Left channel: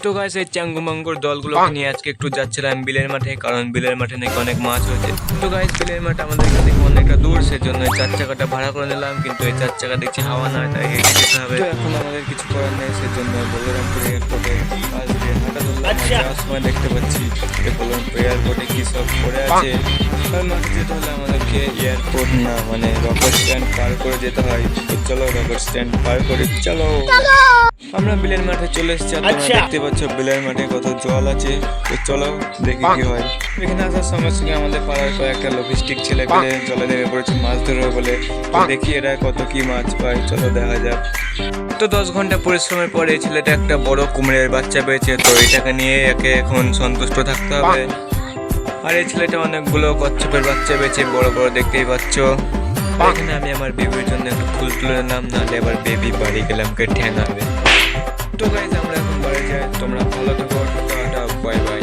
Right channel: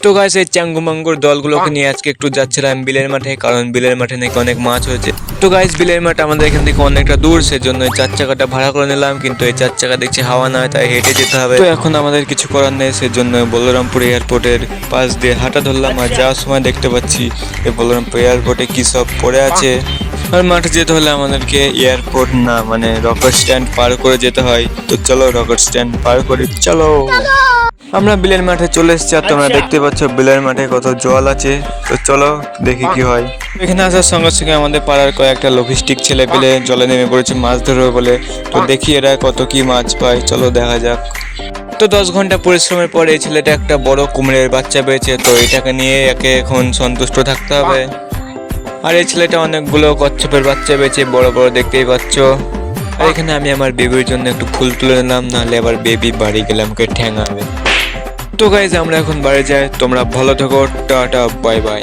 তো গাইস এই চ্যাঙ্গুমাঙ্গুর দলগুলোকে নিয়ে আজকে একটু যাচ্ছিলাম বিলের মাঠে, কারণ বিলের মাঠে নাকি অনেক মাছ হয়েছে। তো গাইস বিলের মাঠ আমাদের এখান থেকে অনেকটা দূর, সেজন্য এই 4 চাকাটা ভাড়া করে নিলাম, কিন্তু এই 4 চাকা দেখছি হাওয়া নয়, তাই হেঁটে যেতে হবে। তো এখন আমাদের কিছু করার নেই, সেজন্য বলরামপুর এয়ারপোর্টের পাশ দিয়ে হাঁটা ধরলাম। আর যাওয়ার সময় দেখতে পাচ্ছি এই বলরামপুর এয়ারপোর্টে কি সব পড়ে আছে। আর মাঠে যেতে হলে আমাদেরকে এয়ারপোর্ট না মানে রকেট স্ট্যান্ড পার করে যেতে হয়। তো চলো রকেট স্ট্যান্ড পার করে চলো। আমরা বিলের মাঠে চলে এসেছি, আর তোমরা দেখতে পাচ্ছ বিলের মাঠে কত জল আছে। তো চলো দেখি কি হয়। এখানে আসার সঙ্গে সঙ্গে আমাদের পাড়ার কয়েকটা লজিস্টিক ছেলে বিলে জলে নেমে পড়েছে মাছ ধরবে বলে। তো দেখি এরা কত কি মাছ পায়, চলো দেখা যাক। তো 10 ঘন্টা পরিশ্রমের পরে এই ছেলেটা একটা বড় কুমিরের বাচ্চা পেয়েছে, তো এটাকে নিয়ে একে এখন সন্তুষ্ট থাকতে হবে। আর এই ছেলেটা অনেকগুলো কচ্ছপের বাচ্চা পেয়েছে, বড় বড় দেখতেই পাচ্ছ। আর এখানে আমি আমার বেবির জন্য একটু ফুল তুলে নিলাম, নাহলে আবার বেবি বাড়ি গেলাম কে ঠ্যাঙাবে। তো গাইজ আমরা এখন বাড়ি যাই, তোমরা ভালো থেকো, টাটা বাই বাই।